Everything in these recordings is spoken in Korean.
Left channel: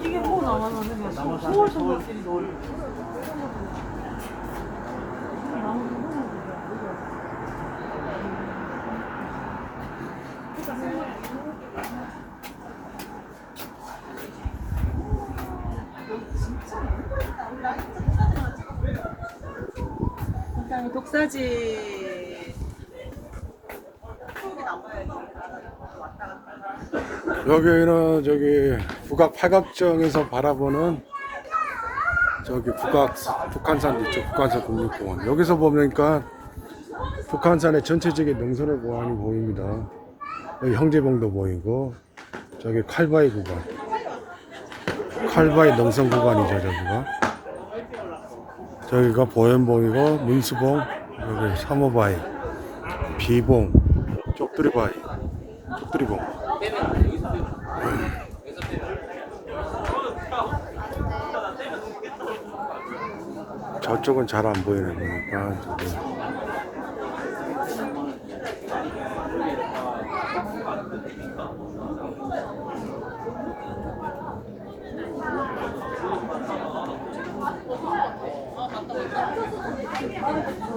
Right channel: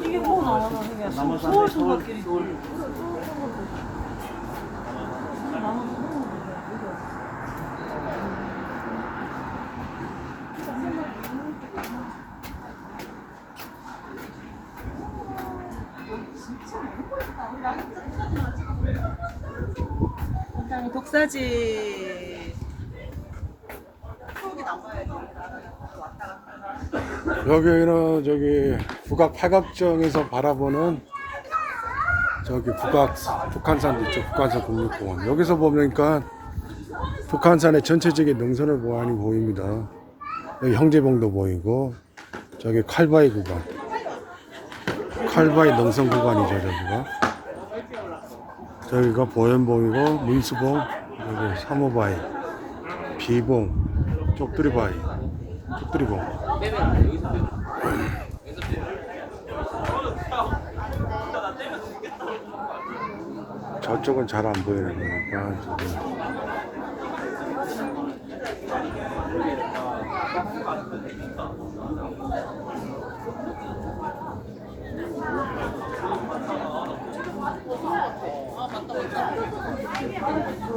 이게 뭐 나와서 그냥 소울 소울끼리 일 단 독사지 여기는 저기 북악 팔각정에서 바라보는 저기 북악 북한산도 있죠. 북한산 국립공원. 여기서 보니까 북한산의 전체적인 능선의 공원이 보입니다. 여기 형제봉도 보이고 저기 칼바위 구간. 칼바위 능선 구간이죠, 저기가. 저기가 보현봉이고 문수봉, 여기 사모바위, 비봉, 쪽두리바위, 쪽두리봉. 저쪽은 잘 안 보이는 거니까 저기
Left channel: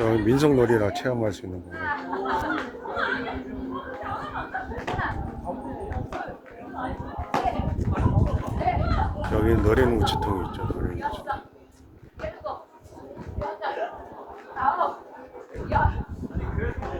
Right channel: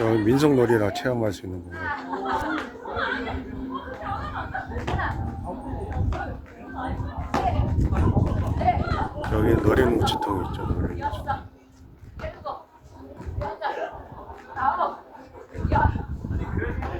여기 민속놀이라 체험할 수 있는 거예요. 여기 노래는 우체통이 있죠. 노래는 우체통.